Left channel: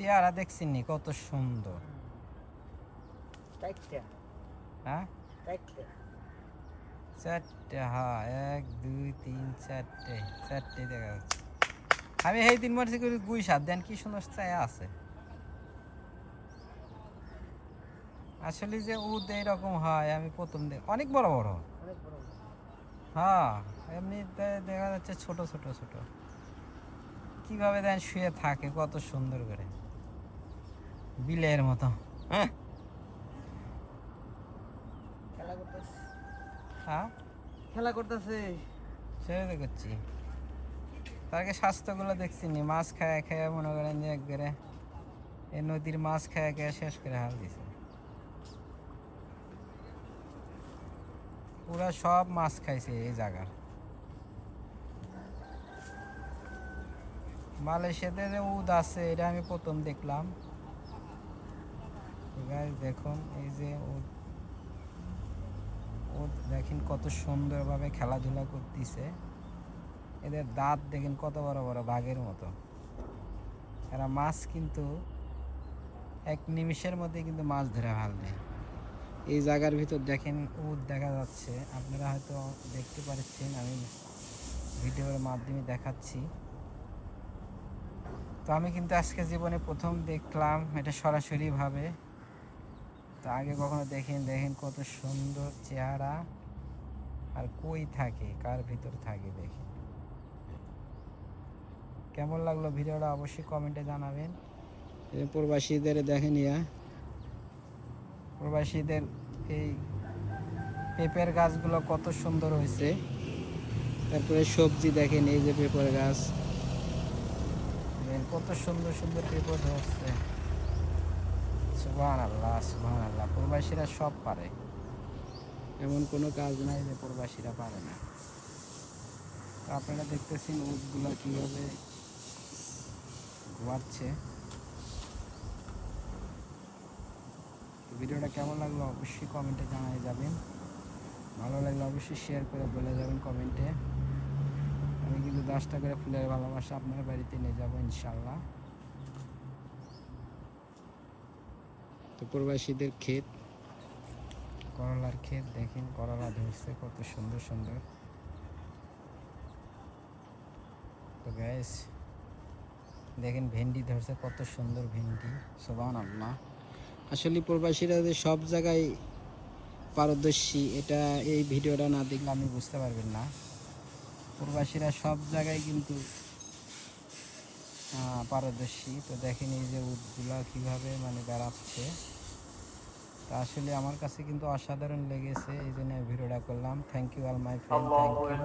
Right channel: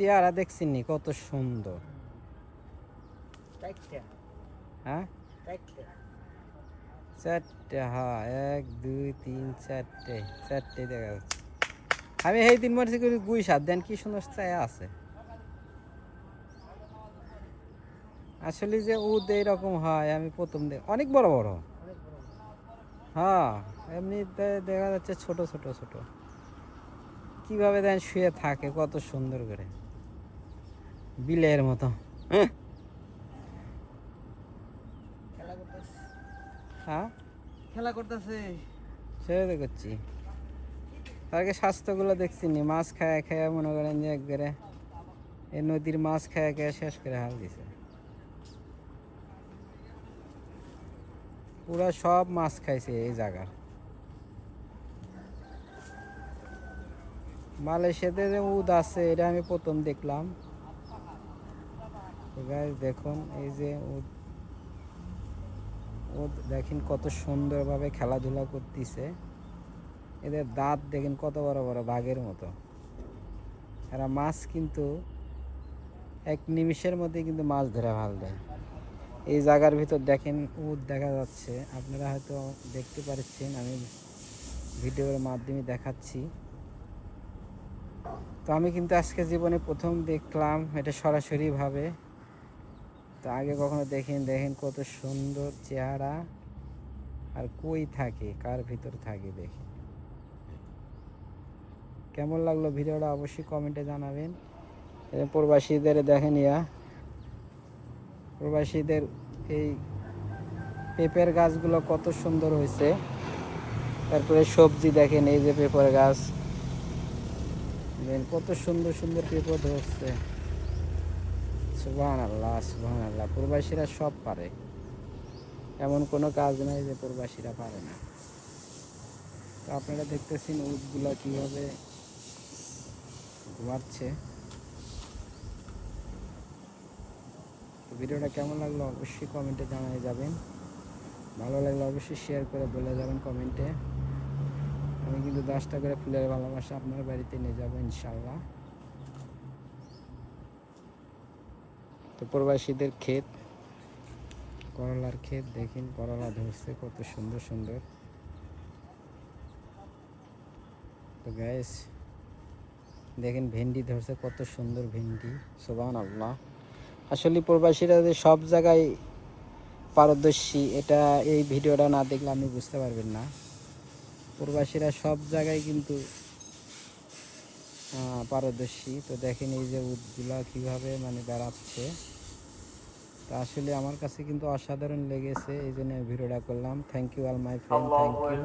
চেহারা দেখছেন নি কত সুন্দর। হ্যাঁ চারটে, হ্যাঁ 1 2 3 4টে, 4টে দেখা যাচ্ছে। আমি এই দিন মনে করি গুই সাত দেন কি সুন্দর চায়া আছে। আসলে যে উদ এইরকম হয় আমি প্রথম অনেক বড় বড়। হ্যাঁ এমনিতে দেখা যাচ্ছে ছোট ছোট ছোট। কিভাবে দেন শুয়ে থাকে কত সুন্দর করে বিলের মতো। হ্যাঁ খেলা করতেছে সেটা করছি। তারকে স্বাস্থ্যগুলো দেখছি নি, মাছ খায় খায় মনে করেন যে একবারে এই নদীর মাছ খায় খায় শেষ করে হাল দিছে। পুরা সব মাছ খাইছে এই জায়গার। মালয়েশিয়াতে যে উদ আছে এটা আমি প্রথম দেখলাম। দেখুন এই যে উদ, উদ দেখেন কত সুন্দরভাবে খেলাধুলা করতেছে। এদের দাঁত দেখেন কত বড় বড় বাঘের মতো। এরা মাছ কিন্তু এক নিমিষের মধ্যে কিন্তু মাছ ধরে ফেল দেয়। এই জায়গার ভিতর দেখেন উদ দেখা যাচ্ছে, আপনারা হয়তো দেখতে পাচ্ছেন, আমি ভিডিওর মাধ্যমে দেখাচ্ছি। তো আমি কিন্তু আজকে জীবনে প্রথম দেখলাম এটা সরাসরিভাবে। তো আগে কখনো দেখেন কত সুন্দর চেহারা, আর কই থাকে কার ভিতর থাকে দেখেন। কেমন লাগলো ভিডিওটা অবশ্যই কমেন্টে জানাবেন। প্রবাসীদের দেখেন প্রবাসীদের এই পেঁপের গাছগুলো কত সুন্দর হয়েছে। তারপরে সবজি দেখেন এই যে পেঁপের গাছ, কত সুন্দর সুন্দর পেঁপে ধরছে। সুবহানাল্লাহ সুবহানাল্লাহ। প্রবাসীরা সব পারে, এমন কোনো কাজ নেই যে প্রবাসীরা পারে না। তো আপনারা দেখতেছেন উটগুলো কীভাবে ঘুমাচ্ছে। তো ভিডিওটা কেমন লাগলো অবশ্যই কমেন্টে জানিয়ে যাবেন। ভালো লাগলে অবশ্যই শেয়ার করে বলে যাবেন কমেন্টে। আমি কিন্তু 10টা করে ফুলের ভালোবাসা আপনার বাড়িতে নিয়ে যাবো ইনশাল্লাহ। তো প্রবাসীদের ক্ষেত, করলার ক্ষেত দেখেন, করলা ধরছে কত সুন্দর সুন্দর। তো গাইস দেখেন ভেন্ডি ধরছে কত সুন্দর ভেন্ডি। সুবহানাল্লাহ। আসলে প্রবাসীরা যে সব জায়গায় পারদর্শী এটা এই ভিডিওটা না দেখলে আপনি বুঝতে পারবেন না। প্রবাসীরা সব জায়গায় কিন্তু পারদর্শী। তো দেখেন এই যে উটগুলা কীভাবে মানে বেড়াচ্ছে। তা আসলে আমার কাছে কিন্তু অসাধারণ লেগেছে, এই জন্য ভিডিওটা করলাম। Thank you all my friend, thank you.